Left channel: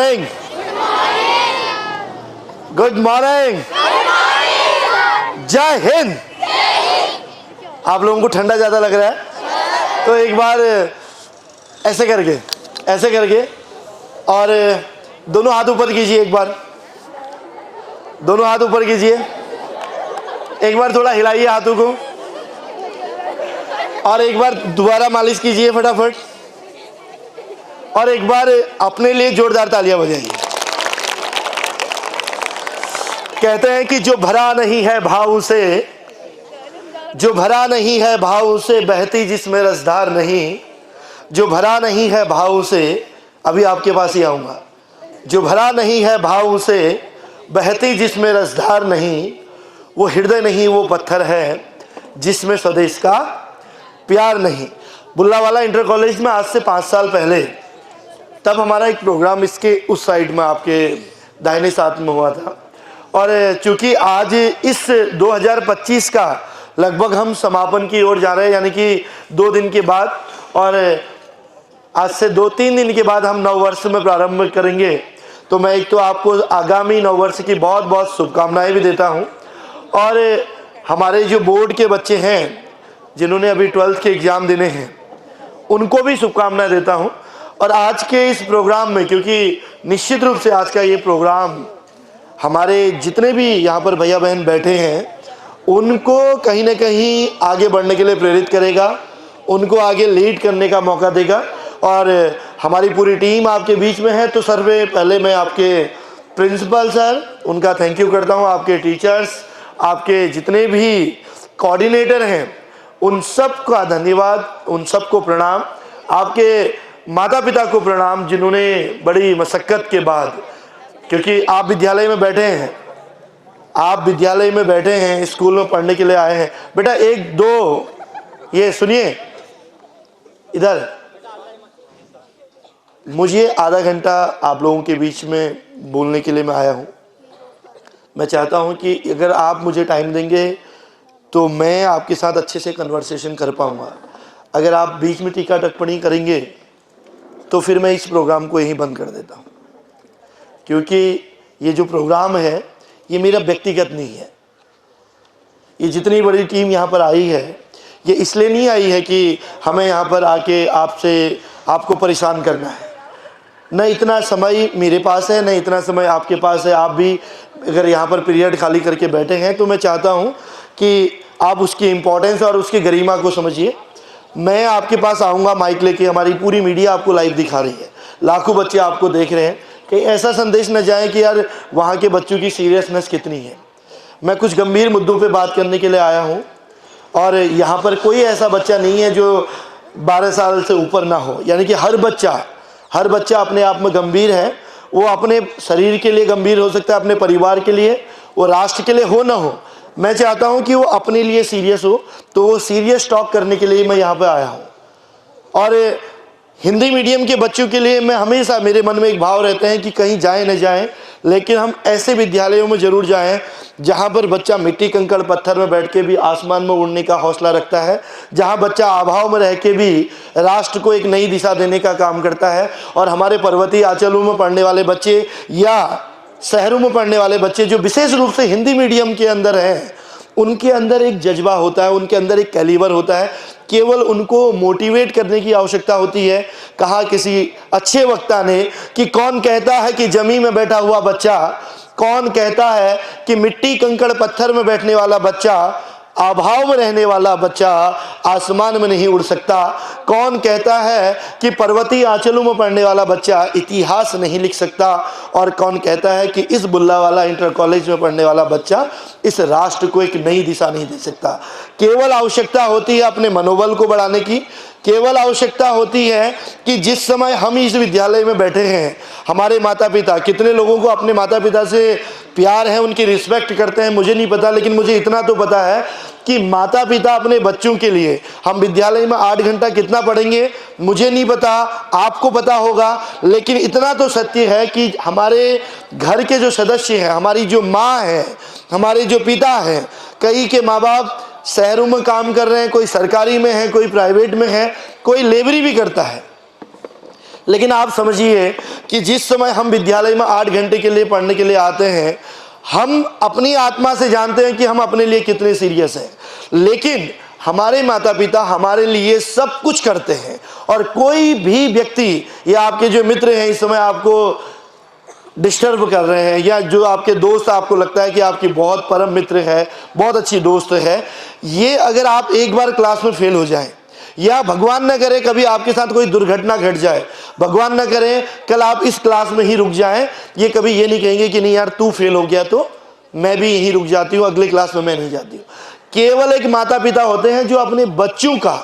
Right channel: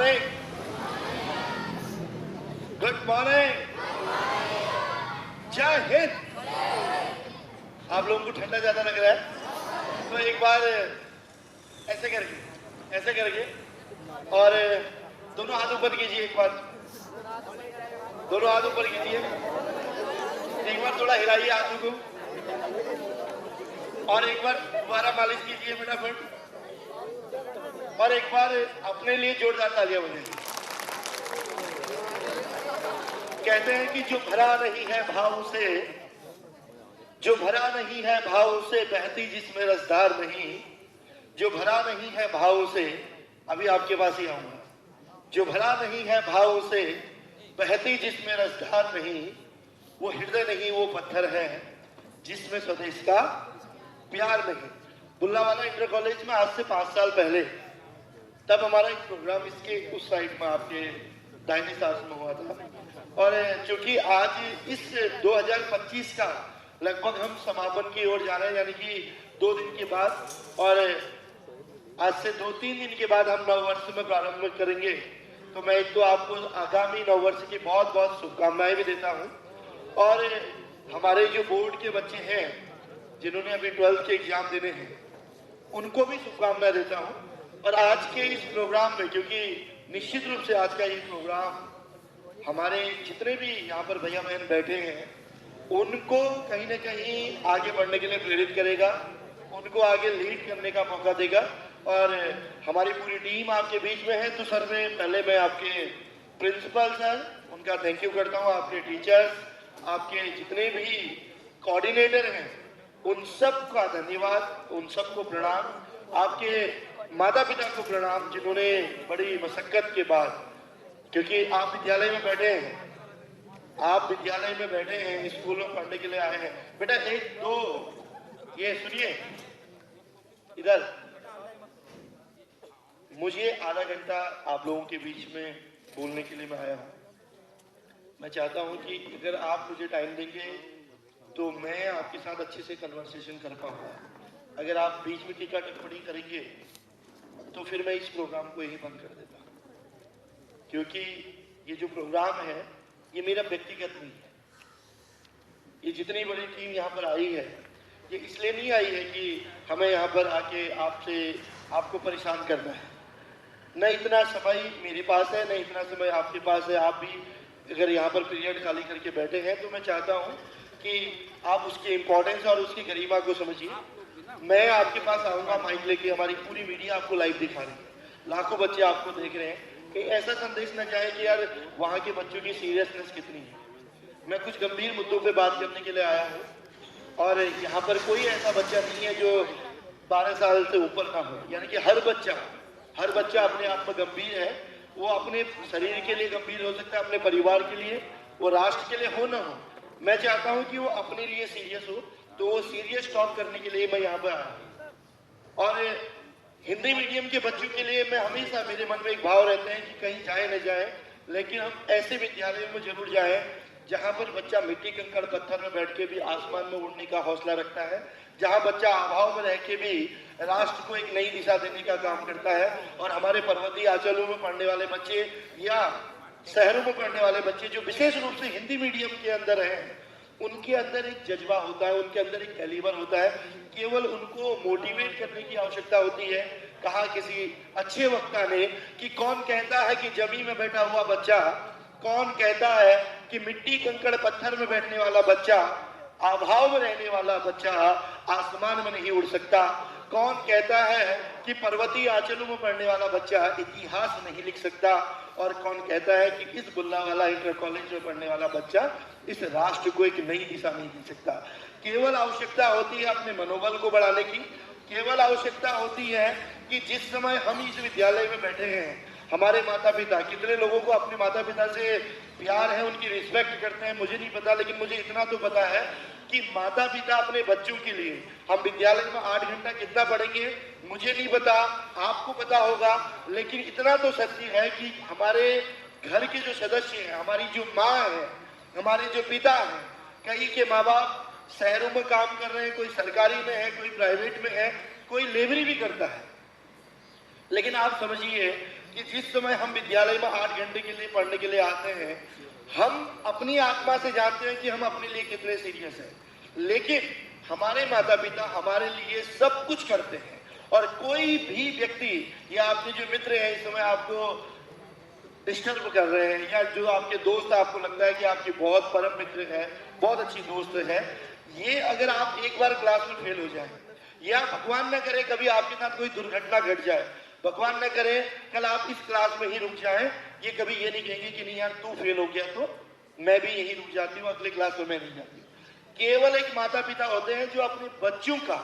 Morning. Good morning. जय हिंद। आप लोगों को ठंडा ज्यादा लग रहा है तो एक बार ऐसे करके और दोनों हाथ ऊपर कीजिए। एक बार दोनों हाथ ऊपर कीजिए। एक बार थोड़ा हिलाइए हाथों को और एक बार दोबारा मालिश कीजिए फटाफट और एक बार अपने लिए जोरदार तालियां बजाइए। कहते हैं कि जो भरा नहीं है भाव से, जो भरा नहीं है भाव से बहती जिसमें रसधार नहीं, जो भरा नहीं है भाव से, अभी आपके पास ही आऊंगा, जो भरा नहीं है भाव से बहती जिसमें रसधार नहीं, वो हृदय नहीं वो पत्थर है जिसमें स्वदेश का प्यार नहीं। बुल्लावाला इंटर कॉलेज में आज से 5 साल पहले तब हमारा एक प्रोग्राम इसके उस साइड में आपके दाहिने साथ में हुआ था और चूंकि आज इस 2025 का लगभग हम समापन की ओर जा रहे हैं, यानी कि 2 दिन के बाद, और आज से 2-3 दिन के बाद हम नववर्ष में प्रारंभ करेंगे। तो मैं एक तो आपको आगामी नववर्ष की बहुत बहुत शुभकामनाएं भी देता हूं और हमारे जो बोर्ड के बच्चे हैं जिन्होंने अभी 12th के एग्ज़ाम देने हैं उनको भी शुभकामनाएं देता हूं। और आज के इस प्रोग्राम में, क्योंकि निश्चित रूप से आज का ये प्रोग्राम हमारे जितने भी यहाँ पर भैया बहन बैठे हैं उनको कहीं ना कहीं आगे बढ़ने के लिए प्रेरित करेगा, उनको आगे लीड करने का मौका देगा। और हमारी पूरी टीम आपके बीच में है तो सर पहले मैं आपके प्रिंसिपल सर उनका थैंक यू करता हूँ, आपके टीचर्स, आपके जितने भी कोऑर्डिनेटर हैं उन सब का धन्यवाद, उन सबको प्रणाम, आपके माता पिता को प्रणाम जिन्होंने बड़ी मशक्क़त के बाद, क्योंकि आप विद्यालय में बैठे हैं, आप विद्यालय में बैठे हैं, स्कूल में पढ़ने के लिए आए हैं। बेटा 1-2 ये सुनिए, इधर मुझे आधा घंटा आप लोगों के बीच में बोलने के लिए मैं आया हूँ। मैं चाहता हूँ कि अगर आप मुझे टाइम देंगे तो मैं आपके साथ अच्छे से कन्वर्सेशन कर पाऊँगा। अगर आप बीच में टीका टिप्पणी करेंगे तो फिर मैं इस प्रोग्राम को यहीं बंद कर देता हूँ, क्योंकि ये जो प्रोग्राम है ये मेरा व्यक्तिगत नहीं है। ये जितनी बड़ी टीम यहाँ पर आई है ये इसलिए नहीं आई है कि हमें यहाँ पर आके आपको परेशान करना है। न इतना समय मेरे पास है, न इतना समय आपके पास है। आप भी अगर यहाँ पर पीरियड खाली करके बैठे हैं तो मैं चाहता हूँ कि आप उसकी इम्पोर्टेंस और उसकी गरिमा को समझिए। मैं आपके पास आऊँगा माइक लेके, हमारी पूरी मीडिया आपको लाइव दिखा रही है, लाखों बच्चे आपको देख रहे हैं, कहीं ऐसा संदेश न जाए कि यार वहाँ के बच्चों की सीरियसनेस कितनी है। मैं कुछ गंभीर मुद्दों पे बात करने के लिए आया हूँ और यहाँ पर कोई ऐसा बच्चा नहीं है जो 12 साल से ऊपर ना हो, यानी कि हर बच्चा अपने आप में गंभीर है। वो अपने शरीर के लिए गंभीर हो सकता है, अपने परिवार के लिए, वो राष्ट्र के लिए हो ना हो। मैं चाहता हूँ कि वो अपने लिए सीरियस हो, तो वो सीरियस टॉक करने के लिए मैं यहाँ पर आया हूँ। और हिंदी मीडियम के बच्चों के लिए मैं हमेशा, मेरे मन में एक भाव रहते हैं कि कहीं जाएं न जाएं, लेकिन हम ऐसे विद्यालयों में ज़रूर जाएं जहां पर बच्चा मिट्टी कंकड़ पत्थर में बैठ के भी आसमान में उड़ने का हौसला रखता है, जहां बच्चा अभाव में रह के भी राष्ट्र को एक नई दिशा देने का काम करता है। और हमारे पर्वतीय अंचलों में पढ़ने वाले बच्चे या शहरों में पढ़ने वाले बच्चे जो विशेष रूप से हिंदी मीडियम के अंदर हैं, उनके अंदर एक जज्बा होता है, उनके अंदर एक कैलिबर होता है। केवल उनको मोटिवेट करने की आवश्यकता होती है। कहा किसी अच्छे वक्ता ने कि कौन कहता है कि जमीन में बैठा हुआ बच्चा, कौन कहता है कि मिट्टी कंकड़ पत्थर में बैठने वाला बच्चा, अभाव में रहने वाला बच्चा आसमान में नहीं उड़ सकता। कौन कहता है कि पर्वतीय आंचलों में पढ़ने वाला बच्चा इतिहास नहीं लिख सकता। और कौन कहता है कि इस बुल्लावाला इंटर कॉलेज में पढ़ने वाला बच्चा इस राष्ट्र को एक नई दिशा नहीं दे सकता। केवल आवश्यकता होती है अपने मनोबल को बढ़ाने की। केवल आवश्यकता होती है कि जिस समय हम इस विद्यालय में बैठे हैं, हमारे माता पिता, कितने लोगों को अपने माता पिता से प्यार है, उनकी रिस्पेक्ट करते हैं, मुझे नहीं पता, लेकिन मुझे इतना तो पता है कि माता पिता अपने बच्चों के लिए, हम विद्यालय में 8 घंटा कितना पढ़ेंगे मुझे नहीं पता, आपको पता होगा, लेकिन इतना तो सत्य है कि हमारे घर के जो सदस्य हैं, हमारी जो माँ है, हमारे जो पिता हैं, कई के माँ बाप शहरों में काम कर रहे हैं, कोई सरकारी में है, कोई प्राइवेट में है, कोई लेबरी भी करता है, लेकिन आप समझिए कि जिस समय हम विद्यालय में 8 घंटे के लिए पढ़ने के लिए आते हैं, हम अपनी आत्मा से जानते हैं कि हम अपने लिए कितने सीरियस हैं, लेकिन हमारे माता पिता हमारे लिए सब कुछ करते हैं। और कोई भी व्यक्ति या आपके जो मित्र हैं इस समय आपको डिस्टर्ब कर रहे हैं, या जो आपके दोस्त आपको लगता है कि आपकी बहुत परम मित्र है, बहुत अच्छी दोस्त है, ये अगर आप एक बार क्लास में फेल हो जाएं, या भगवान न करे कभी आपके साथ कोई दुर्घटना घट जाए, भगवान न करे कल आप इस क्लास में ही रुक जाएं, ये कभी ये नहीं कहेंगे कि नहीं यार तू फेल हो गया तो मैं भी यहीं रुक जाती हूँ, अगली क्लास में मैं नहीं जाती हूँ। केवल एक माता पिता होते हैं जो अपने बच्चों का,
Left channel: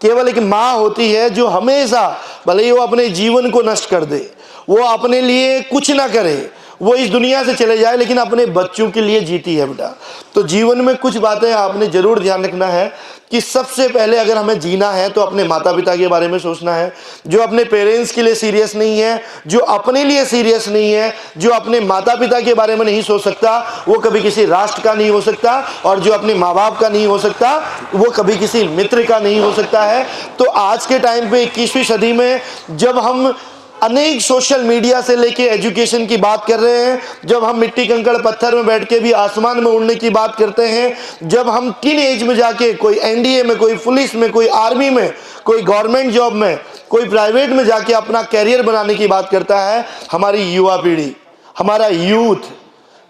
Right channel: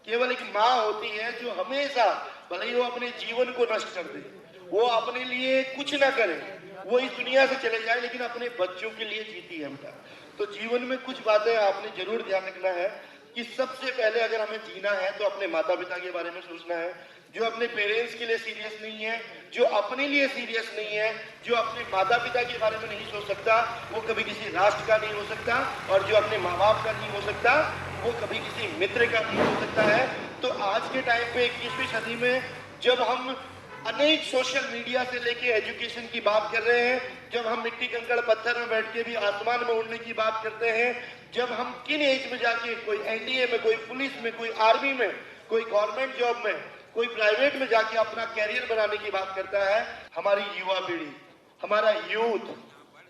केवल एक माँ होती है जो हमेशा, भले ही वो अपने जीवन को नष्ट कर दे, वो अपने लिए कुछ ना करे, वो इस दुनिया से चले जाए, लेकिन अपने बच्चों के लिए जीती है बेटा। तो जीवन में कुछ बातें आपने जरूर ध्यान रखना है कि सबसे पहले अगर हमें जीना है तो अपने माता पिता के बारे में सोचना है। जो अपने पेरेंट्स के लिए सीरियस नहीं है, जो अपने लिए सीरियस नहीं है, जो अपने माता पिता के बारे में नहीं सोच सकता, वो कभी किसी राष्ट्र का नहीं हो सकता, और जो अपने माँ बाप का नहीं हो सकता वो कभी किसी मित्र का नहीं हो सकता है। तो आज के टाइम पे 21वीं सदी में जब हम अनेक सोशल मीडिया से लेके एजुकेशन की बात कर रहे हैं, जब हम मिट्टी कंकड़ पत्थर में बैठ के भी आसमान में उड़ने की बात करते हैं, जब हम किन एज में जाके कोई एनडीए में, कोई पुलिस में, कोई आर्मी में, कोई गवर्नमेंट जॉब में, कोई प्राइवेट में जाके अपना कैरियर बनाने की बात करता है, हमारी युवा पीढ़ी, हमारा यूथ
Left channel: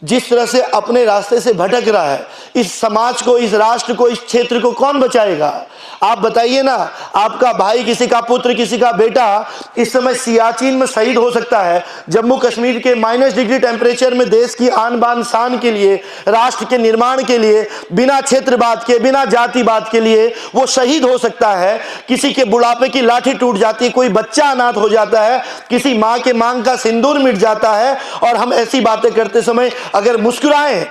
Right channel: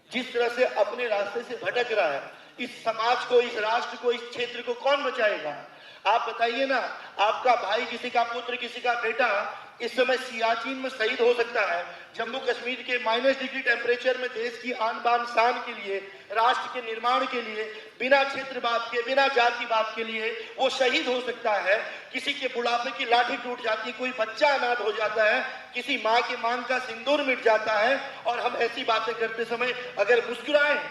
जिस तरह से अपने रास्ते से भटक रहा है, इस समाज को, इस राष्ट्र को, इस क्षेत्र को कौन बचाएगा? आप बताइए ना। आपका भाई, किसी का पुत्र, किसी का बेटा इस समय सियाचिन में शहीद हो सकता है, जम्मू कश्मीर के -डिग्री टेम्परेचर में देश की आन बान शान के लिए, राष्ट्र के निर्माण के लिए, बिना क्षेत्रवाद के, बिना जातिवाद के लिए वो शहीद हो सकता है। किसी के बुढ़ापे की लाठी टूट जाती है, कोई बच्चा अनाथ हो जाता है, किसी माँ के मांग का सिंदूर मिट जाता है, और हम ऐसी बातें करते समय अगर मुस्कुराएं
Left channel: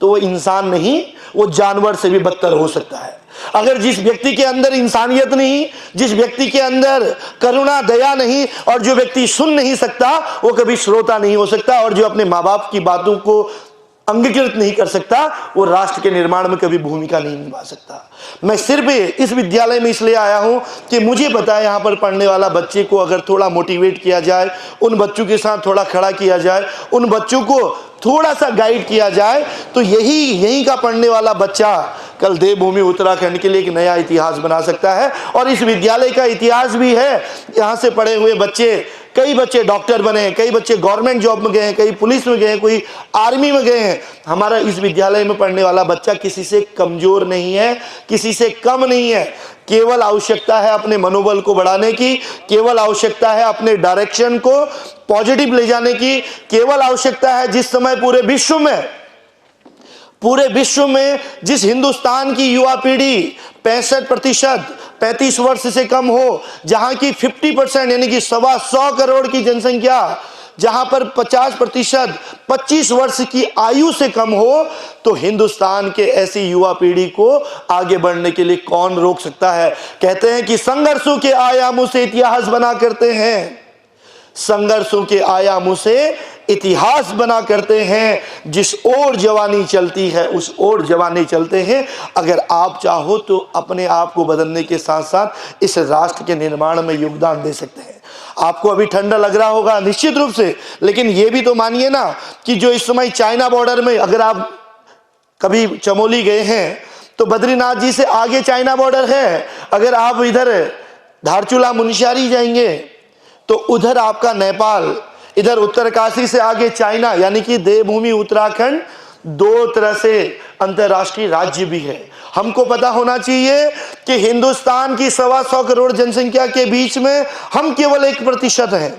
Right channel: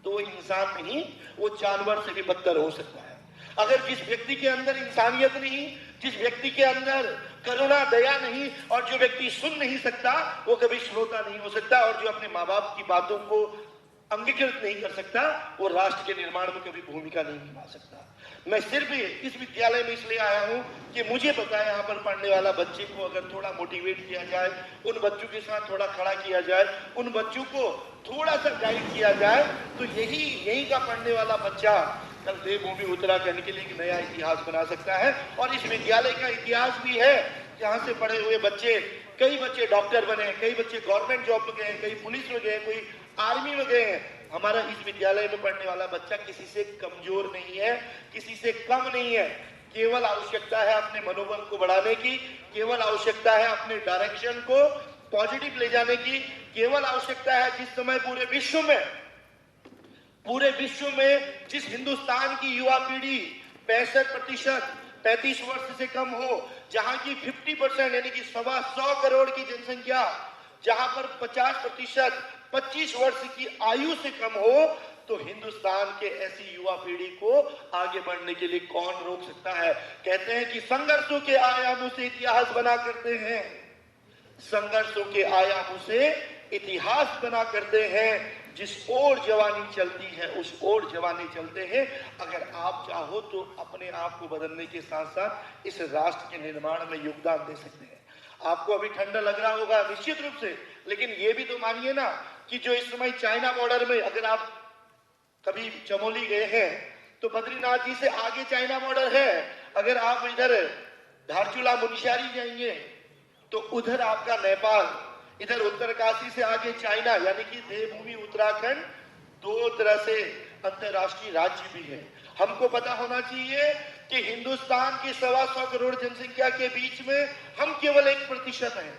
तो वो इंसान नहीं, वो जानवर से भी बदतर हो सकता है। अगर जिस व्यक्ति के अंदर इंसानियत नहीं, जिस व्यक्ति के अंदर करुणा, दया नहीं, और जो व्यक्ति सुन नहीं सकता वो कभी श्रोता नहीं हो सकता, और जो अपने माँ बाप की बातों को अंगीकृत नहीं कर सकता वो राष्ट्र के निर्माण में कभी भूमिका नहीं निभा सकता। मैं सिर्फ इस विद्यालय में इसलिए आया हूं कि मुझे पता है यहाँ पर पढ़ने वाला बच्चे को अगर थोड़ा मोटिवेट किया जाए, उन बच्चों के साथ थोड़ा खड़ा किया जाए, उन बच्चों को थोड़ा सा गाइड किया जाए, तो यहीं का पढ़ने वाला बच्चा कल देवभूमि उत्तराखंड के लिए एक नया इतिहास बना सकता है। और इस विद्यालय का इतिहास भी है, यहाँ से पढ़े हुए बच्चे, कई बच्चे डॉक्टर बने, कई बच्चे गवर्नमेंट जॉब में गए हैं, कई पुलिस में गए हैं, कोई आर्मी में गए हैं। हमारा इस विद्यालय में पढ़ने वाला बच्चा किसी से कमजोर नहीं है, किसी से कम नहीं है। केवल आवश्यकता है अपने मनोबल को बढ़ाने की, केवल आवश्यकता है अपने डायरेक्शन को पॉजिटिव ले जाने की, केवल आवश्यकता है जिस समय पूरे विश्व में जिस हिंदुस्तान की युवा पीढ़ी 65% 35 वर्ष से कम हो, जहां की 50% यानी कि 125 करोड़ की जनसंख्या, जहां पर 50% 25 वर्ष की आयु से कम हो, तो हिंदुस्तान के ऐसी युवा पीढ़ी को आगे बढ़ने के लिए कौन रोक सकता है? कहते हैं कि संघर्षों के आयामों से इतिहास बना करते हैं, संघर्षों के आयामों से इतिहास बना करते हैं। जिस ओर जवानी चलती है उस ओर जवानी चलते हैं। अगर आप चाहो तो अपने आप को बदलने के साथ साथ इस राष्ट्र के निर्माण में योगदान दे सकते हैं। आपको अभी ठंडा लग रहा होगा निश्चित रूप से, लेकिन ये भी तो मानिए ना कि जो इस समय चाइना बॉर्डर में, अगर आप कभी चमोली गए हैं तो बद्रीनाथ जी से आगे चाइना बॉर्डर है। अगर आप इधर धारचूला मुनस्यारी जाएंगे तो उधर आपका नेपाल, इधर उत्तरकाशी से आगे चाइना, यानी कि देवभूमि उत्तराखंड दो तरह से अंतरराष्ट्रीय राज्य भी है। हमको पता होना चाहिए कि हिंदुस्तान की 125 करोड़ जनसंख्या के बीच में हम केवल 1% हैं।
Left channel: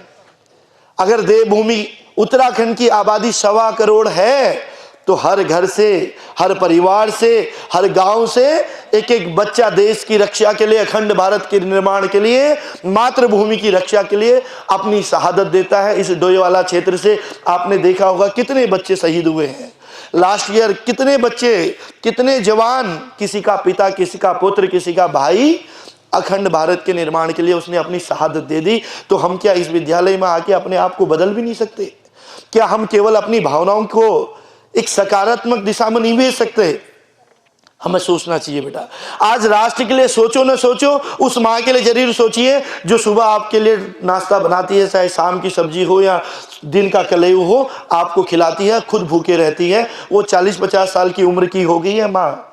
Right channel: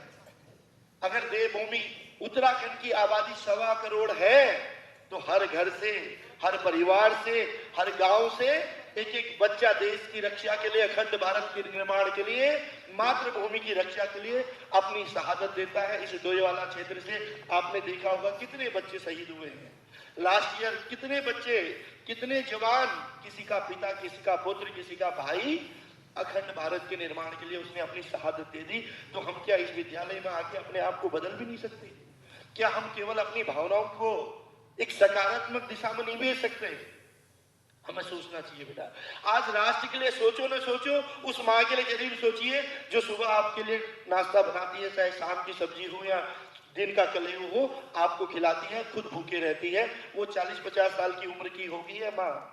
अगर देवभूमि उत्तराखंड की आबादी 1.25 करोड़ है तो हर घर से, हर परिवार से, हर गांव से एक एक बच्चा देश की रक्षा के लिए, अखंड भारत के निर्माण के लिए, मातृभूमि की रक्षा के लिए अपनी शहादत देता है। इस डोईवाला क्षेत्र से आपने देखा होगा कितने बच्चे शहीद हुए हैं लास्ट ईयर, कितने बच्चे, कितने जवान, किसी का पिता, किसी का पुत्र, किसी का भाई अखंड भारत के निर्माण के लिए उसने अपनी शहादत दे दी। तो हम क्या इस विद्यालय में आके अपने आप को बदल भी नहीं सकते? क्या हम केवल अपनी भावनाओं को एक सकारात्मक दिशा में नहीं भेज सकते? हमें सोचना चाहिए बेटा। आज राष्ट्र के लिए सोचो न सोचो, उस माँ के लिए जरूर सोचिए जो सुबह आपके लिए नाश्ता बनाती है, चाहे शाम की सब्जी हो या दिन का कलेऊ हो, आपको खिलाती है, खुद भूखे रहती है। वो 40-50 साल की उम्र की हो गई है माँ।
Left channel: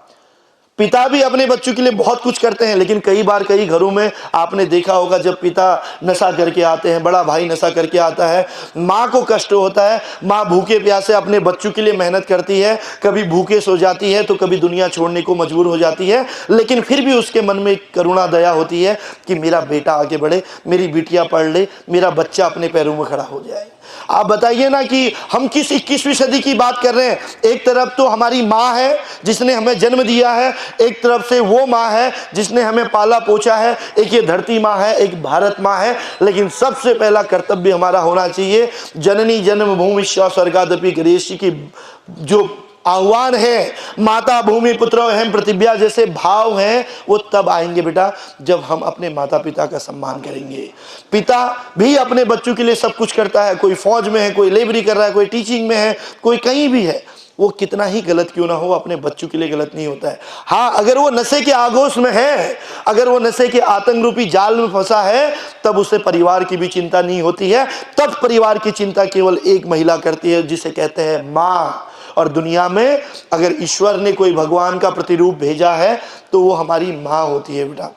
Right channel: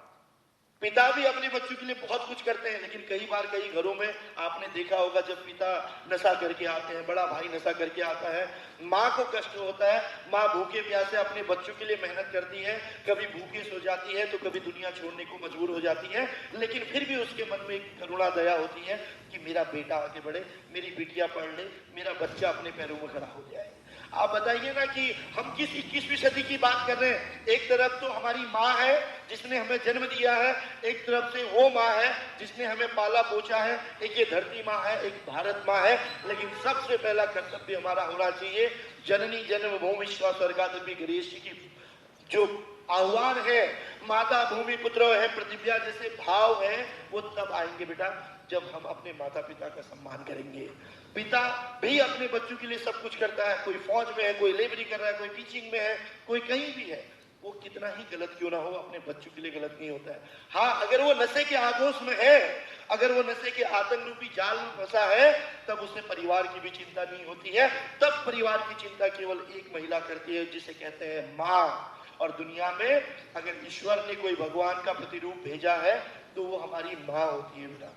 पिता भी अपने बच्चों के लिए बहुत कुछ करते हैं, लेकिन कई बार कई घरों में आपने देखा होगा जब पिता नशा करके आते हैं, बड़ा भाई नशा करके आता है, माँ को कष्ट होता है। माँ भूखे प्यासे अपने बच्चों के लिए मेहनत करती है, कभी भूखे सो जाती है तो कभी दुनिया छोड़ने को मजबूर हो जाती है, लेकिन फिर भी उसके मन में करुणा दया होती है कि मेरा बेटा आगे बढ़े, मेरी बिटिया पढ़ ले, मेरा बच्चा अपने पैरों में खड़ा हो जाए। आप बताइए ना कि हम किस 21वीं सदी की बात कर रहे हैं। एक तरफ तो हमारी माँ है जिसने हमें जन्म दिया है, एक तरफ से वो माँ है जिसने हमें पाला पोछा है, एक ये धरती माँ है, एक भारत माँ है। लेकिन सबसे पहला कर्तव्य हमारा होना चाहिए, जननी जन्मभूमिश्च स्वर्गादपि गरीयसी की जो आह्वान है, माता भूमि पुत्र अहम पृथिव्या जैसे भाव हैं, वो तब आएंगे बेटा जब हम अपने माता पिता का सम्मान करेंगे। पिता भी अपने बच्चों के लिए सब कुछ करता है, कोई फौज में है, कोई लेबरी कर रहा है, कोई टीचिंग में है, कोई कहीं भी है, वो कितना ही गलत क्यों ना हो अपने बच्चों के लिए गलत नहीं होता है। हाँ, अगर वो नशे के आगोश में है, अगर वो नशे के आतंक रूपी जाल में फंसा है, तब उसे परिवार की भी चिंता नहीं होती है। तब परिवार की चिंता केवल एक महिला करती है जिसे कहते हैं माँ। और दुनिया में अगर ईश्वर ने कोई भगवान का प्रतिरूप भेजा है तो वो हमारी माँ होती है बेटा।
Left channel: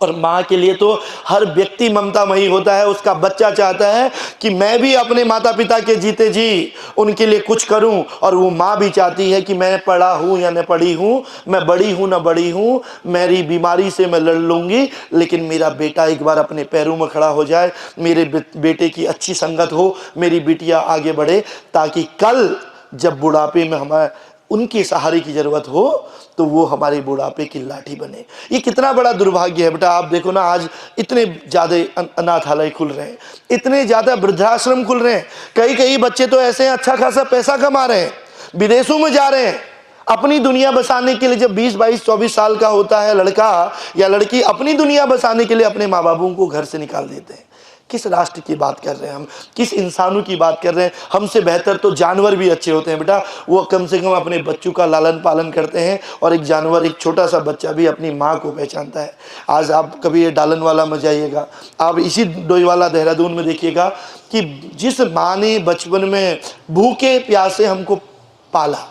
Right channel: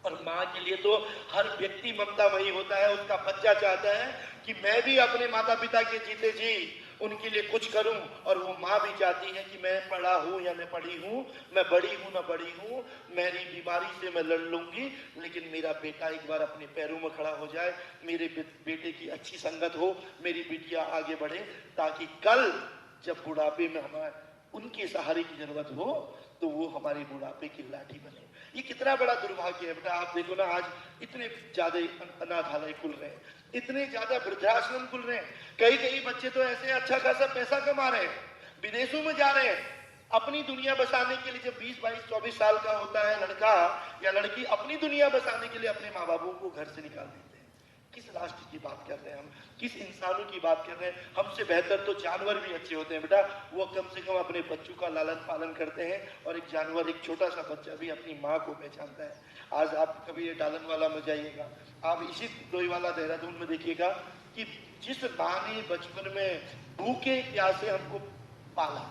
और माँ के लिए तो हर व्यक्ति ममतामयी होता है। उसका बच्चा चाहता है कि मैं भी अपने माता पिता के जीते जी उनके लिए कुछ करूं, और वो माँ भी चाहती है कि मैं पढ़ा हूं या न पढ़ी हूं, मैं बड़ी हूं न बड़ी हूं, मेरी बीमारी से मैं लड़ लूंगी, लेकिन मेरा बेटा एक बार अपने पैरों में खड़ा हो जाए, मेरे बेटे की अच्छी संगत हो, मेरी बिटिया आगे बढ़े, ताकि कल जब बुढ़ापे में हमारे उनके सहारे की जरूरत हो तो वो हमारे बुढ़ापे की लाठी बने। ये कितना बड़ा दुर्भाग्य है बेटा। आप देखो ना, आज इतने ज्यादा अनाथालय खुल रहे हैं, इतने ज्यादा वृद्धाश्रम खुल रहे हैं, कई बच्चे तो ऐसे हैं अच्छा खासा पैसा कमा रहे हैं, विदेशों में जा रहे हैं अपनी दुनिया बसाने के लिए। जब 20, 22, 24 साल का होता है लड़का या लड़की, अपनी दुनिया बसाने के लिए अपने माँ बापों को घर से निकाल देते हैं। किस राष्ट्र की बात कर रहे हैं हम, किस इंसानों की बात कर रहे हैं। हमसे बेहतर तो जानवर भी अच्छे होते हैं बेटा, वो कम से कम अपने बच्चों का लालन पालन करते हैं। और एक जानवर, एक छोटा सा बच्चा भी अपनी माँ को पहचानता है। आज आप कभी ये डालनवाला में जाइएगा, आप इसी डोईवाला देहरादून में देखिएगा कि जिस माँ ने बचपन में भूखे प्यासे हमको पाला,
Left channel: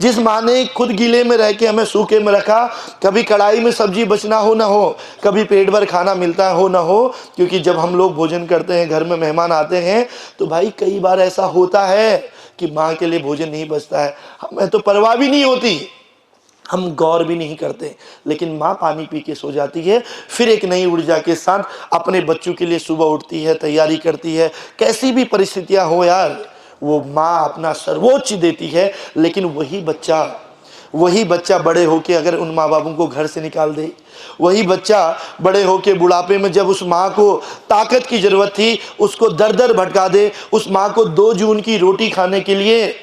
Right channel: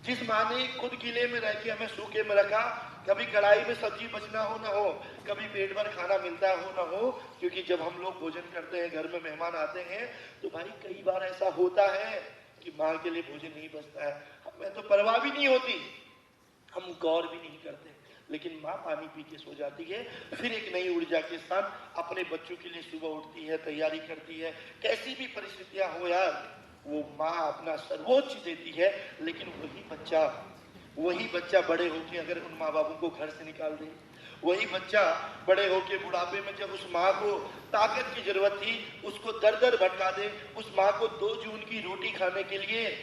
जिस माँ ने खुद गीले में रह के हमें सूखे में रखा, कभी कढ़ाई में सब्जी बचना हो ना हो, कभी पेट भर खाना मिलता हो ना हो, क्योंकि जब हम लोग भोजन करते हैं, घर में मेहमान आते हैं, तो भाई कई बार ऐसा होता है कि माँ के लिए भोजन नहीं बचता है। हमें तो परवाह भी नहीं होती, हम गौर भी नहीं करते, लेकिन माँ पानी पी के सो जाती है, फिर एक नई ऊर्जा के साथ अपने बच्चों के लिए सुबह उठती है, तैयारी करती है। कैसी भी परिस्थितियाँ हो यार, वो माँ अपना सर्वोच्च देती है। लेकिन वही बच्चा बड़े होके अगर उन माँ बापों को घर से निकाल दे, वही बच्चा बड़े होके बुढ़ापे में जब उस माँ को ताकत की जरूरत थी उसको दर दर भटका दे, उस माँ को 2 जून की रोटी खाने के लिए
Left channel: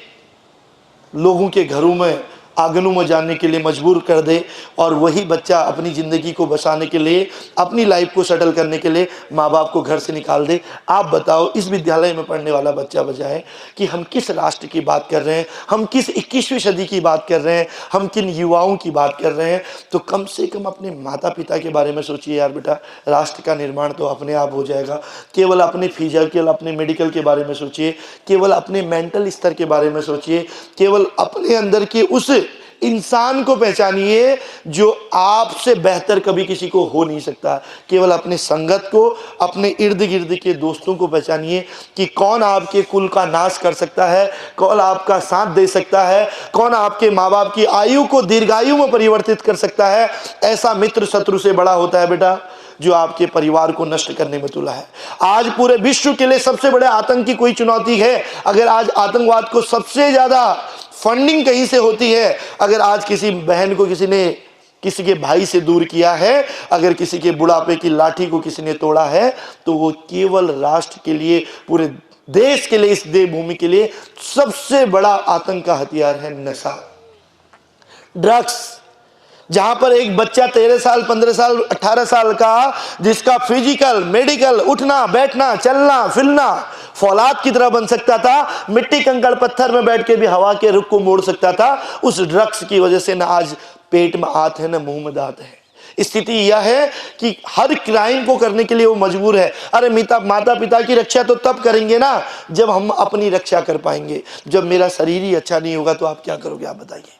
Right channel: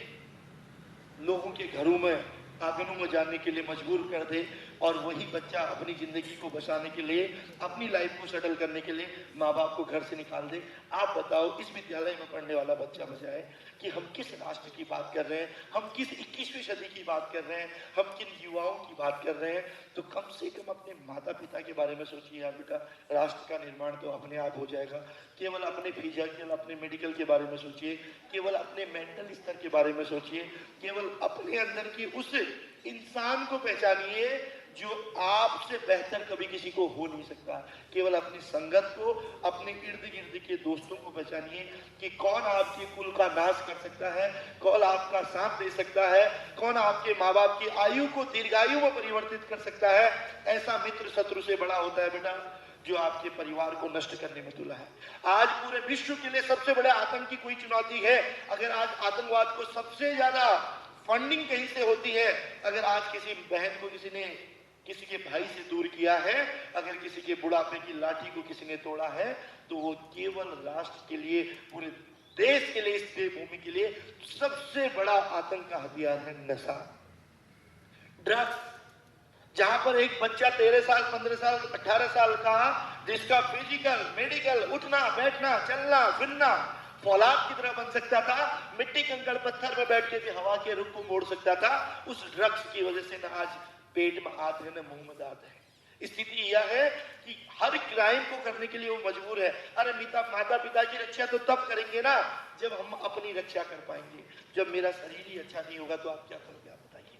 लोगों के घरों में आंगनों में जाने के लिए मजबूर कर दे, और वही बच्चा अपनी ज़िंदगी को बचाने के लिए, अपनी लाइफ को सेटल करने के लिए माँ बाप को घर से निकाल दे। आप बताओ, इस विद्यालय में पढ़ने वाला बच्चा बजाए कि हम किस राष्ट्र की बात कर रहे हैं, हम किस 21वीं सदी की बात कर रहे हैं, हम किन युवाओं की बात कर रहे हैं। तो कम से कम अपने माता पिता के बारे में सोचिए यार बेटा। राष्ट्र का निर्माण तो अपने आप हो जाएगा। केवल अपने फिजिकल, अपने मेडिकल के बारे में सोचिए, केवल अपने मेंटल स्तर के बारे में सोचिए, केवल अपने अंदर के उस इंसान को पहचानिए जो आपसे बेहतर कभी किसी को हो नहीं सकता। केवल अपने संगत को, अपने इर्द गिर्द के दोस्तों को पहचानिए कि कौन आपके कुल का नाश कर सकता है, कौन आपका साथ दे सकता है, कौन आपके माँ बाप की आयु को दीर्घायु में परिवर्तित कर सकता है। ऐसा मित्र शत्रु से बड़ा होता है बेटा जो आपके परिवार को नष्ट करने में तुला है। आज पूरे विश्व के लिए सबसे बड़े आतंक की कोई चुनौती है, अगर आज आतंकवाद को सबसे ज्यादा फंडिंग कहीं से होती है, अगर आज किसी बहन को किसी ने किसी के भाई से दूर किया है, अगर किसी के बुढ़ापे की लाठी को किसी ने तोड़ा है, तो वो केवल राष्ट्र के लिए, पूरे देश के लिए, इस देवभूमि के लिए सबसे बड़ा आतंक का हथियार है नशा, ड्रग्स। जहां पर एक बच्चा 13 साल, 15 साल, 18 साल का, जिसका फिजिकल, मेडिकल, उठना बैठना, चलना फिरना फौलाद की तरह बन सकता था, मिट्टी कंकड़ पत्थर में बैठ के भी हवा के रुख को मोड़ सकता था, उस ड्रग्स की वजह से ना आज पेट में आत है न मुंह में दांत है। स्थिति यह है कि हर क्राइम को करने के लिए वो मजबूर है। अरे माता पिता की रक्षा तो तब करेंगे ना जब हम अपनी रक्षा कर पाएंगे। जब मेरा शरीर ही अच्छा नहीं होगा तो आप क्या करोगे, आप बताइए।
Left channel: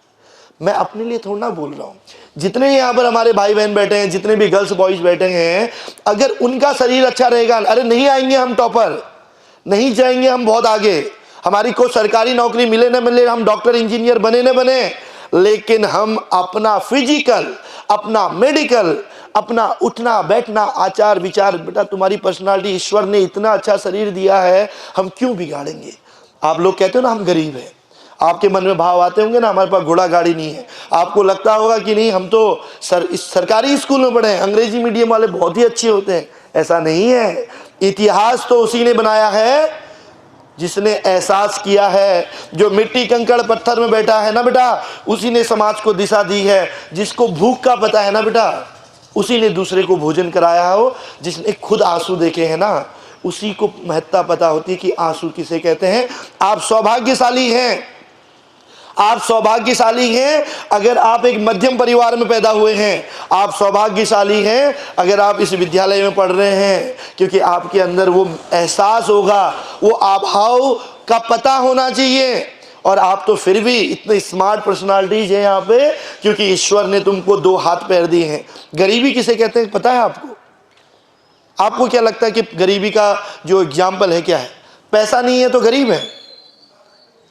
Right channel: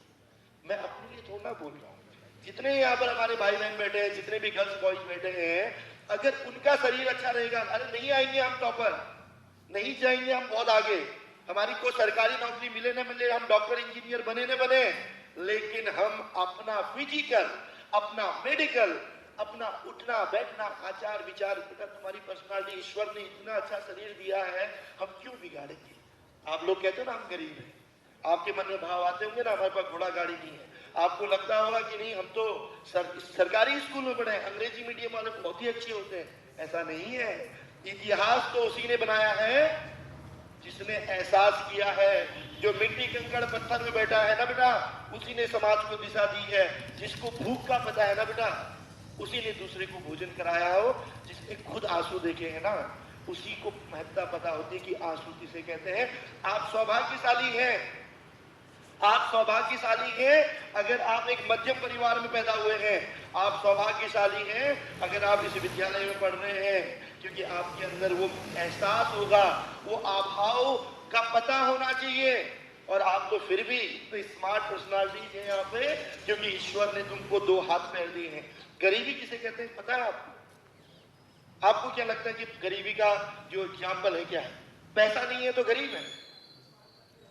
मैं अपने लिए थोड़ा ना बोल रहा हूँ, जितने यहाँ पर हमारे भाई बहन बैठे हैं, जितने भी गर्ल्स बॉयज बैठे हैं, अगर उनका शरीर अच्छा रहेगा, अरे नहीं आएंगे हम टॉपर, नहीं जाएंगे हम बहुत आगे, हमारी कोई सरकारी नौकरी मिले न मिले, हम डॉक्टर इंजीनियर बने न बने, लेकिन हम अपना फिजिकल, अपना मेडिकल, अपना उठना बैठना, आचार विचार, बेटा तुम्हारी पर्सनालिटी, ईश्वर ने इतना अच्छा शरीर दिया है, हम क्यों बिगाड़ेंगे। आप लोग कहते हो ना हम गरीब हैं, आपके मन में भाव आते होंगे ना हमारे पास घोड़ा गाड़ी नहीं है, आपको लगता होगा कि नहीं हम तो सरकारी स्कूल में पढ़े हैं, अंग्रेजी मीडियम वाले बहुत ही अच्छे होते हैं। ऐसा नहीं है। इतिहास तो उसी ने बनाया है जिसने एहसास किया है। जो मिट्टी कंकड़ पत्थर में बैठा है ना बेटा, उसी ने समाज को दिशा दी है। जिसको भूख का पता है ना बेटा, उसी ने दूसरे को भोजन कराया हो। जिसने खुद आंसू देखे हैं ना, उसी को महत्ता पता होती है कि आंसू किसे कहते हैं। आप सौभाग्यशाली हैं, आप सौभाग्यशाली हैं अगर आप एक मध्यम परिवार में पैदा हुए हैं। आप सौभाग्यशाली हैं अगर आप इस विद्यालय में पढ़ रहे हैं, क्योंकि आपके अंदर वो एहसास होगा, वो आभाव का पता होना चाहिए। और आप तो फिर भी इतने स्मार्ट पर्सनालिटीज हैं यहाँ पे, क्योंकि ईश्वर ने तुमको 2 हाथ पैर दिए हैं। गरीबी किसे कहते हैं पता है आपको? आपको क्या लगता है कि गरीबी का जो एग्जाम्पल है क्या है? पैसा नहीं है तो गरीब है,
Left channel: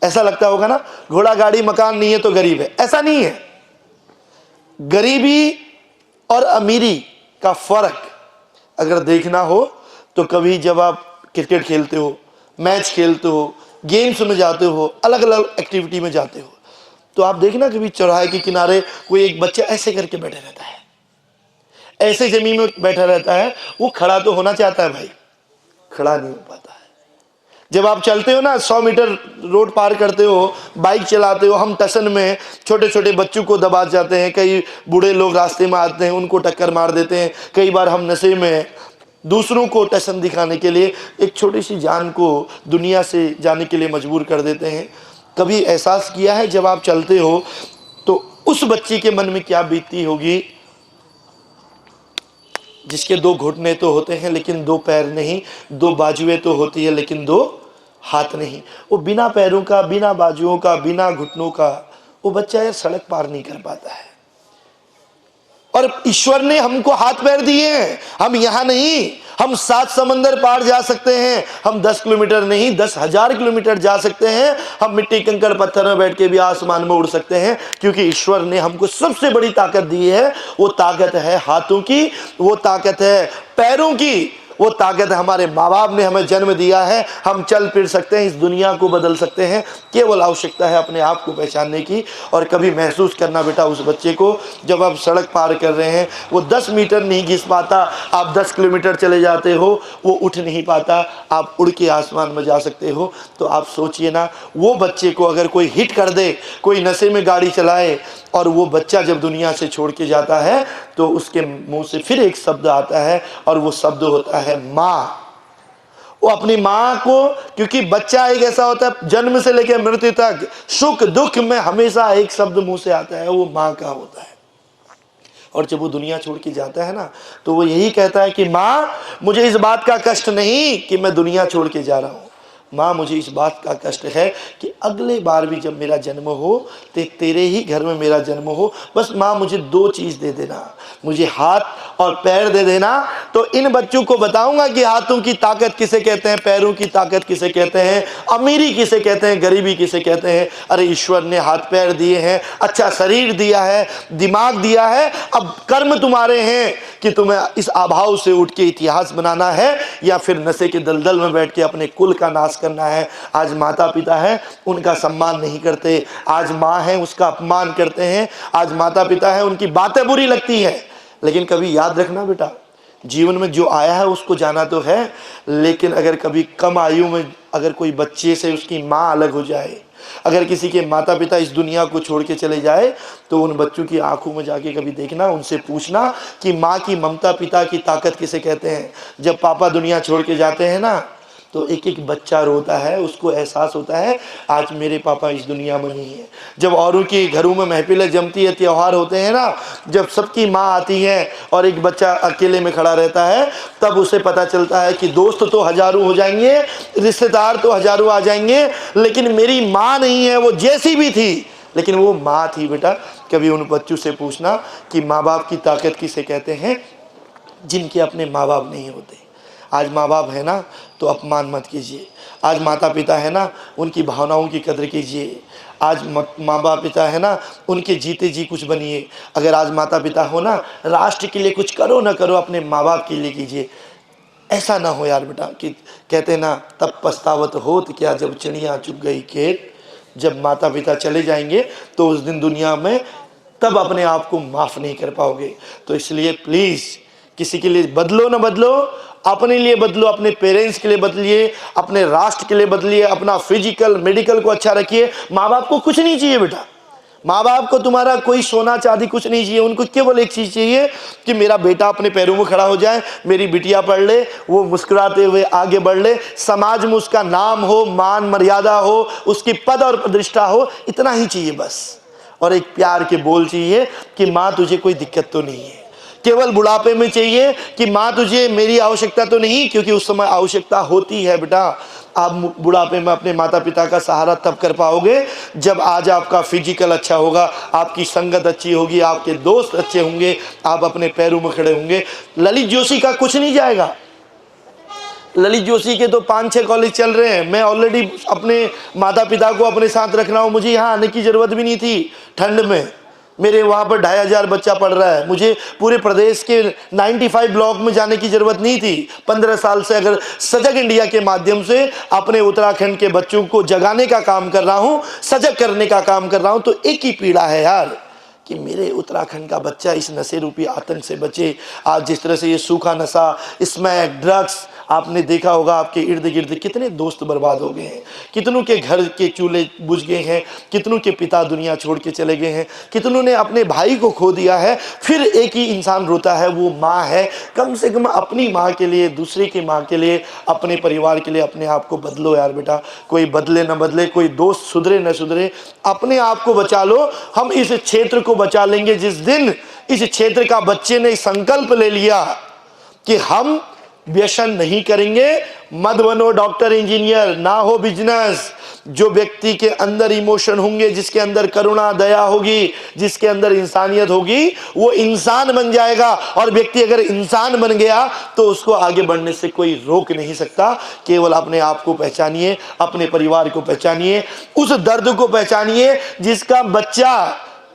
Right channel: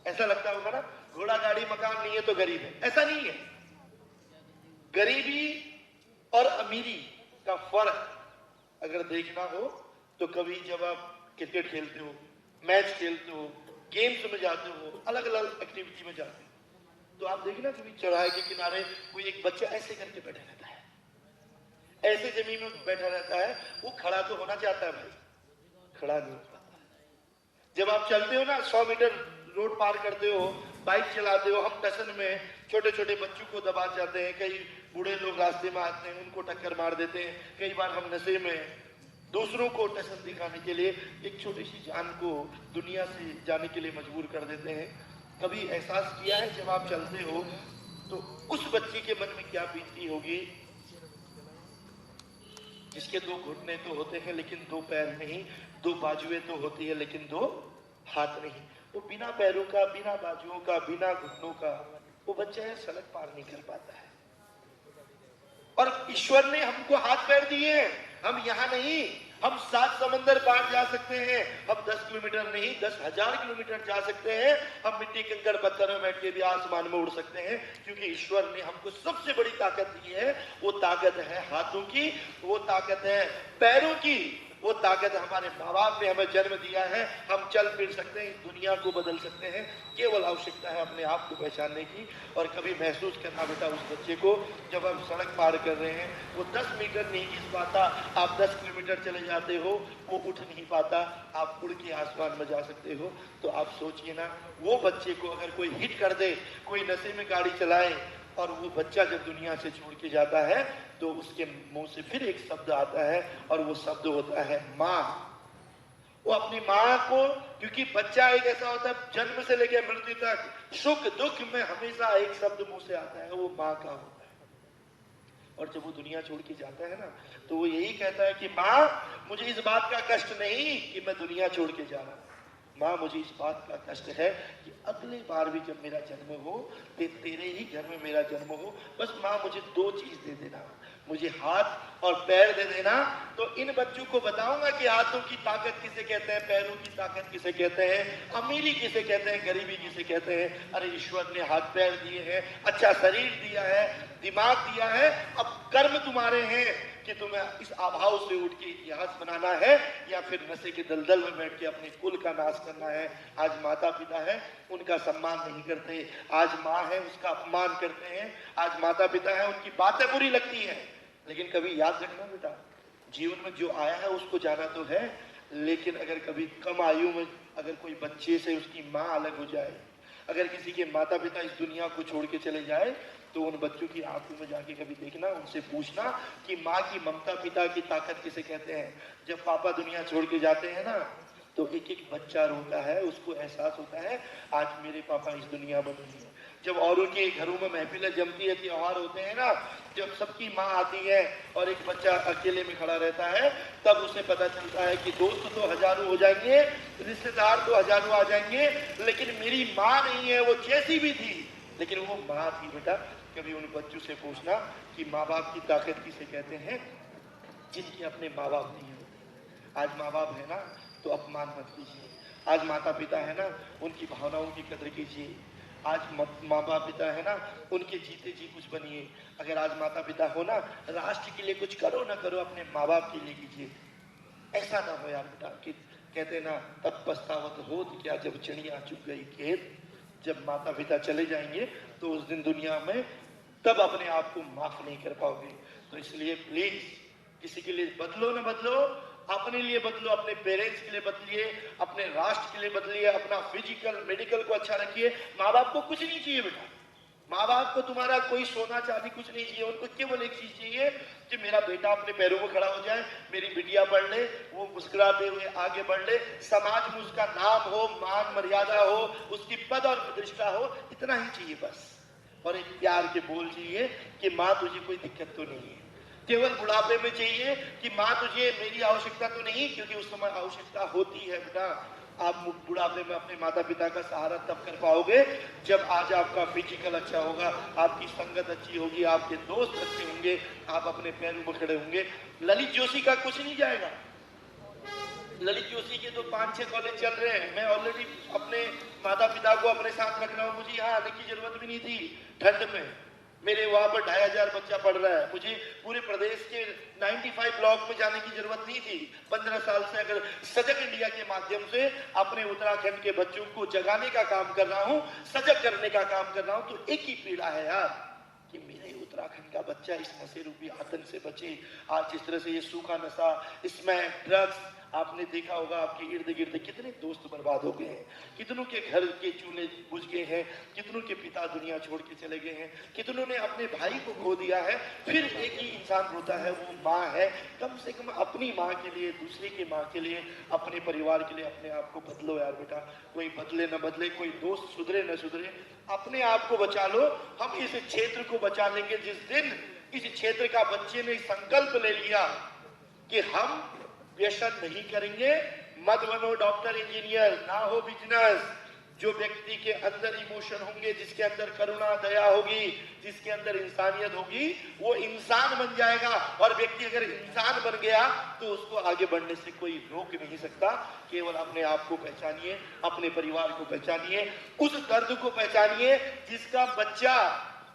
ऐसा लगता होगा ना। घोड़ा गाड़ी मकान नहीं है तो गरीब है, ऐसा नहीं है। गरीबी और अमीरी का फर्क अगर देखना हो तो कभी जब आप क्रिकेट खेलते हो, मैच खेलते हो, गेम्स में जाते हो, अलग अलग एक्टिविटी में जाते हो, तो आप देखना कभी चौराहे के किनारे कोई एक बच्चा ऐसे करके बैठा रहता है, ऐसे जमीन में बैठा रहता है। वो खड़ा तो होना चाहता है भाई, खड़ा नहीं हो पाता है। जब आप चलते हो ना, 100 मीटर रोड पार करते हो, बाइक चलाते हो, हम टशन में छोटे छोटे बच्चों को दबा जाते हैं। कई बूढ़े लोग रास्ते में आते हैं, उनको टक्कर मार देते हैं। कई बार हम नशे में दूसरों को टशन दिखाने के लिए एक छोटी सी जान को दुनिया से जाने के लिए मजबूर कर देते हैं। कभी एहसास किया है जब आप चलते हो तो उस बच्चे के मन में क्या बीतती होगी जिसके 2 घुटने तो होते हैं लेकिन 2 पैर नहीं, 2 बाजुएं तो होती है लेकिन 2 हाथ नहीं। वो बिना पैरों का, बिना बाजुओं का, बिना घुटनों का वो बच्चा यार सड़क पार नहीं कर पाता है। और ईश्वर ने हमको हाथ पैर दिए हैं। हम यहाँ नहीं, हम 7 समंदर पार जा सकते हैं। हम 10 किलोमीटर नहीं 10,000 किलोमीटर जा सकते हैं। हम मिट्टी कंकड़ पत्थर में बैठ के भी आसमान में उड़ सकते हैं, क्योंकि ईश्वर ने हमको सबसे बड़ी ताकत दी है। वो ताकत है हाथों की, वो ताकत है पैरों की, वो ताकत हमारे माँ बाप ने हमें जन्म दिया है। हम चल फिर सकते हैं, इस दुनिया को बदल सकते हैं। केवल आवश्यकता है अपने आप को पहचानने की और कभी महसूस करना बेटा उस बच्चे को। जब आप सड़क पार कर रहे हैं, वो 10 मीटर नहीं घिस पाता, आप 10 किलोमीटर चले जाते हो, वो उठ नहीं पाता, आप उड़ के आसमान में जा सकते हो। तो आप सोचिए ना, वो बच्चे को अगर कोई हिट कर दे, कोई नशे में गाड़ी चलाए, और वो बच्चा जब दुनिया से छोड़ के जाता है तो उसके मुंह से फिर एक शब्द आता है और वो शब्द होता है माँ। वो अपनी माँ को, क्योंकि बच्चा एक ऐसा होता है जन्म से लेकर मृत्यु तक सुख दुख में हमेशा एक शब्द मुंह से आता है, वो माँ का होता है। और जब वो दुनिया छोड़ के जाता है ना, तो वो यही कहता है कि माँ मुझे इस बात का कष्ट नहीं कि मैं दुनिया छोड़ के जा रहा हूँ, माँ मुझे इस बात का कष्ट है कि अगले बार भी जब मेरा जन्म हो तो तेरे ही घर में मेरा जन्म हो। बस माँ मुझे 2 चीज़ दे देना, मुझे हाथ और पैर दे देना, तो इन बच्चों को बताऊंगा कि हाथों की ताकत किसे कहते हैं, पैरों की ताकत किसे कहते हैं, अमीरी किसे कहते हैं, गरीबी किसे कहते हैं। अरे ईश्वर ने हाथ पैर दिए हैं, अच्छा शरीर दिया है, दिमाग दिया है। अब कर्म तुम्हारे हैं कि तुम्हें इस अभाव से उठ के इतिहास बनाना है या फिर नशे के दलदल में बैठ के अपने कुल का नाश करना है। आज माता पिता है, उनका सम्मान नहीं करते। आज माँ है, उसका अपमान करते हैं। आज माता पिता है, उनकी बातें बुरी लगती हैं। लेकिन कभी याद रखना बेटा, जीवन में जो आया है उसको जाना तो है, लेकिन अगर कभी कम आयु में अगर कोई बच्चे से उसकी माँ अलग हो जाए, अगर किसी के माता पिता इस दुनिया को छोड़ के चले जाए, तो उन बच्चों की आंखों में जाके कभी देखना, उनसे पूछना कि माँ की ममता, पिता की ताकत किसे कहते हैं। जब पापा दुनिया छोड़ के जाते हैं ना, तो एक एक बच्चा रोता है, उसको एहसास होता है आज मेरे पापा इस दुनिया में नहीं है। जब औरों के घरों में महफिलें जमती है, त्यौहार होते हैं ना, जब सबकी माँ आती है और एक बच्चा अकेले में खड़ा रहता है, तब उसे पता चलता है कि दोस्त तो हजारों हो जाएंगे, रिश्तेदार तो हजारों आ जाएंगे, लेकिन मेरी माँ नहीं है। वो जैसी भी थी लेकिन वो माँ थी। बेटा कभी उन बच्चों से पूछना कि माँ बाप की ताकत किसे कहते हैं, जिनके अपने माँ बाप नहीं होते। आज माँ बाप है ना तो अपमान मत कीजिए। आज माता पिता है ना, उनकी भावनाओं की कदर कीजिए। आज माँ बाप पिता है ना, उनके जीते जी कुछ बनिए। अगर आज माता पिता हो ना, राष्ट्र के लिए कुछ करो ना करो, अपने माँ बाप के लिए कीजिए। ऐसा ना हो यार बेटा कि कहते ना, तब पछतावत होत क्या जब चिड़िया चुग गई खेत। जब माता पिता चले जाएंगे तो उस दिन दुनिया में तब अपने आप को माफ़ नहीं कर पाओगे। तो इसलिए प्लीज़ किसी के लिए बदलो ना बदलो, अपने लिए बदलो, अपने पेरेंट्स के लिए बदलिए, अपने राष्ट्र के लिए बदलिए, अपना फिजिकल मेडिकल को अच्छा रखिए। माँ बाप को कुछ नहीं चाहिए बेटा, माँ बाप को तुम्हारा कोई सोना चांदी कुछ नहीं चाहिए। उनको केवल एक चीज़ चाहिए कि मेरा बेटा अपने पैरों में खड़ा हो जाए, मेरी बिटिया पढ़ ले, वो मुस्कुराते हुए आगे बढ़ ले, समाज में उसका नाम हो, मान मर्यादा हो, उसकी पद और प्रतिष्ठा हो, इतना ही चाहिए बस। और एक प्यार के बोल चाहिए कि माँ तुझे कोई दिक्कत तो नहीं है। केवल बुढ़ापे में चाहिए कि माँ तुझे मेरी आवश्यकता तो नहीं, क्योंकि उस समय आवश्यकता होती है बेटा। आप बुढ़ापे में अपने माता पिता का सहारा तब कर पाओगे जब आज आपका फिजिकल अच्छा होगा, आपकी संगत अच्छी होगी, आपके दोस्त अच्छे होंगे, आप अपने पैरों में खड़े होंगे। ललित जोशी का कुछ नहीं जाएगा। ललित जोशी के तो 5-6 कॉलेज चल रहे हैं। मैं ऑलरेडी अपने माता पिता को अपने साथ रख रहा हूँ। मुझे यहाँ आने की ज़रूरत भी नहीं थी ठंड में। मेरे वहाँ पर 2500 बच्चा पढ़ रहा है। मुझे पूरे प्रदेश के 95 ब्लॉक में जाने की ज़रूरत नहीं थी। 15 साल से अगर सजग इंडिया के माध्यम से अपने उत्तराखंड के बच्चों को जगाने का काम कर रहा हूँ, सजग करने का काम कर रहा हूँ, तो एक ही पीड़ा है यार कि मेरे उत्तराखंड का बच्चा इस नशे रूपी आतंक से बचे। आज जिस तरह से ये सूखा नशा, स्मैक, ड्रग्स, आपने देखा होगा आपके इर्द गिर्द कितने दोस्त बर्बाद हो गए हैं, कितनों के घर के चूल्हे बुझ गए हैं, कितनों के पिता दुनिया छोड़ के चले गए हैं, कितनों ने अपने भाई को खो दिया है। फिर एक ही इंसान रोता है, वो माँ है। कम से कम अपनी माँ के लिए, दूसरे की माँ के लिए, अपने परिवार के लिए अपने आप को बदलो यार बेटा। कोई बदले न बदले, कोई दोस्त सुधरे न सुधरे, अपने आप को बचा लो। हम इस क्षेत्र को बचा लेंगे जिस दिन इस क्षेत्र का बच्चे ने संकल्प ले लिया कि हम व्यसन नहीं करेंगे। मत बनो डॉक्टर इंजीनियर, ना हो बिजनेस। जो व्यक्ति के अंदर इमोशन होंगे, जिसके अंदर करुणा दया होगी, जिसके अंदर इंसानियत होगी, वो इंसान बन जाएगा। और व्यक्ति अगर इंसान बन गया तो उसको आगे बढ़ने से कोई रोक नहीं सकता। केवल अपने आप को पहचानिए, अपने परिवार को पहचानिए, उस दर्द को पहचानिए जिसका बच्चा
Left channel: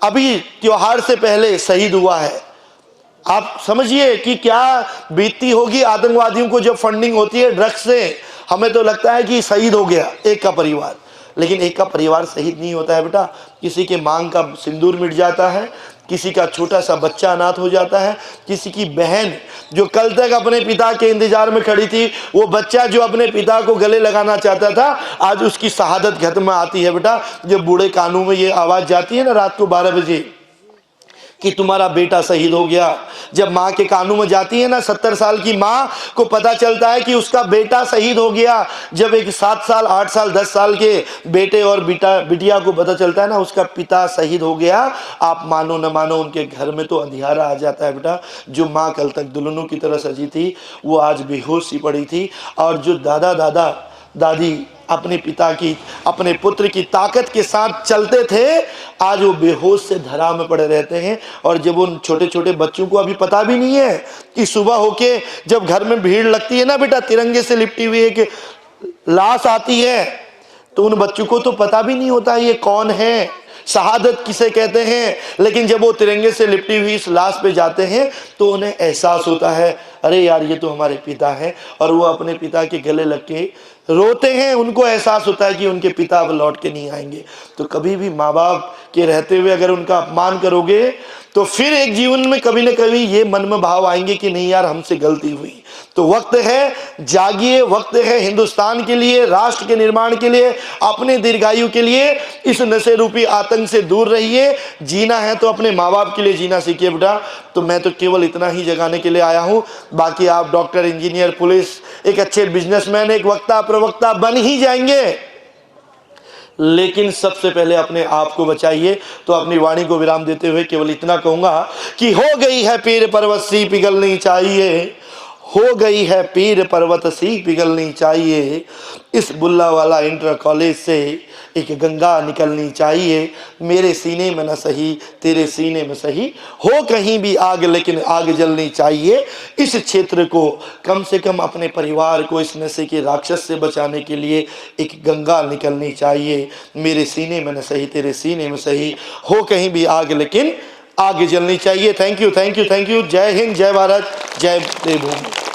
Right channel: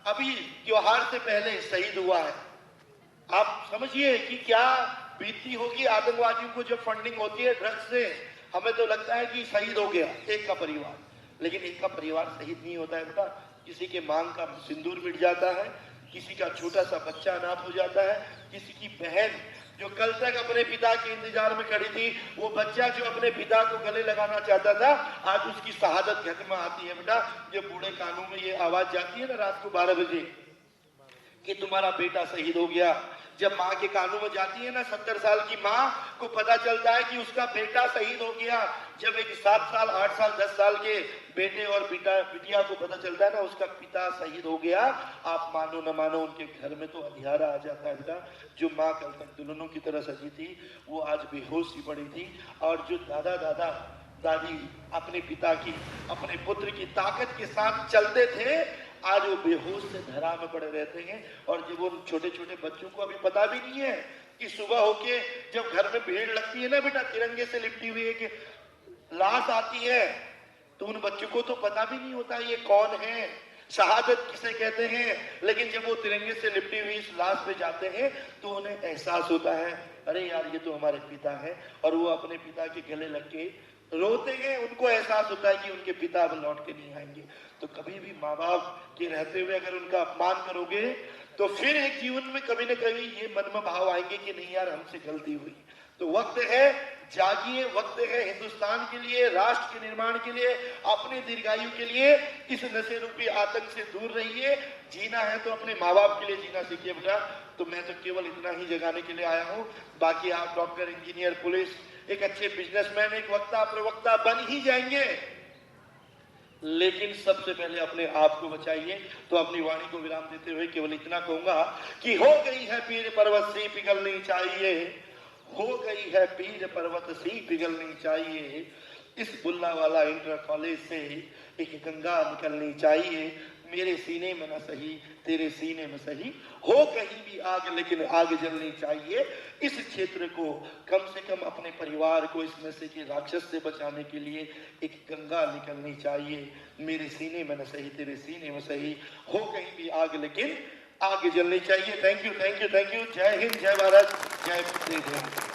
अभी त्योहार से पहले शहीद हुआ है। आप समझिए कि क्या बीतती होगी आतंकवादियों को जब फंडिंग होती है ड्रग्स से। हमें तो लगता है कि शहीद हो गया एक का परिवार, लेकिन एक का परिवार शहीद नहीं होता है बेटा। किसी के मांग का सिंदूर मिट जाता है, किसी का छोटा सा बच्चा अनाथ हो जाता है, किसी की बहन जो कल तक अपने पिता के इंतजार में खड़ी थी, वो बच्चा जो अपने पिता को गले लगाना चाहता था, आज उसकी शहादत घर में आती है बेटा। जब बूढ़े कानों में ये आवाज़ जाती है ना रात को 12 बजे कि तुम्हारा बेटा शहीद हो गया, जब माँ के कानों में जाती है ना, 70 साल की माँ को पता चलता है कि उसका बेटा शहीद हो गया, जब एक 7 साल 8 साल 10 साल के बेटे और बिटिया को पता चलता है ना उसका पिता शहीद हो गया, आप मानो न मानो उनके घर में तो अंधियारा आ जाता है बेटा। जो माँ कल तक दुल्हनों की तरह सजी थी वो आज बेहोश सी पड़ी थी, और जो दादा दादी अपने पिता की, अपने पुत्र की ताकत के साथ चलते थे, आज वो बेहोश से धरा में पड़े रहते हैं। और जब उन छोटे छोटे बच्चों को अभी पता भी नहीं है कि सुबह होके जब घर में भीड़ लगती है ना बेटा, तिरंगे से लिपटी हुई एक लाश आती है, तो उन बच्चों को तो पता भी नहीं होता ये कौन है, शहादत किसे कहते हैं। लेकिन जब वो तिरंगे से लिपटी हुई इस लाश पे जाते हैं तो उन्हें एहसास होता है, अरे यार ये तो हमारे पिता हैं। और वो अपने पिता के गले लग के रोते हैं। उनको एहसास होता है कि उनके पिता अब लौट के नहीं आएंगे। तो कभी भी माँ बाप के रहते हुए अगर उनका अपमान करोगे तो फिर एक जीवन में कभी न कभी ये मन में भाव आएंगे कि नहीं यार हमसे गलती हुई। तो वक्त है, जागिए, वक्त है हिंदुस्तान के लिए, राष्ट्र के निर्माण के लिए, अपने दीर्घायु के लिए। इस नशे रूपी आतंक से दूर रहिए। जीना है तो अपने माँ बाप के लिए जीना सीखिए बेटा। तो मैं तो केवल इतना ही जगाने के लिए आया हूँ बाकी आप डॉक्टर, इंजीनियर, पुलिस, एक अच्छे बिजनेसमैन, एक वक्ता प्रवक्ता बन ही जाएंगे, लेकिन सबसे पहले अपने आप को बचाइए। तो अपनी वाणी को विराम देते हुए केवल इतना कहूंगा कि हो गई है पीर पर्वत सी पिघलनी चाहिए, हो गई है पीर पर्वत सी पिघलनी चाहिए, इस बुल्ला वाला इंटर कॉलेज से एक गंगा निकलनी चाहिए, मेरे सीने में न सही तेरे सीने में सही, हो कहीं भी आग लेकिन आग जलनी चाहिए। इस क्षेत्र को कम से कम अपने परिवार को इस नशे के राक्षस से बचाने के लिए एक गंगा निकलनी चाहिए, मेरे सीने में न सही तेरे सीने में सही, हो कहीं भी आग लेकिन आग जलनी चाहिए। Thank you, thank you, thank you. जय हिंद, जय भारत, जय देवभूमि।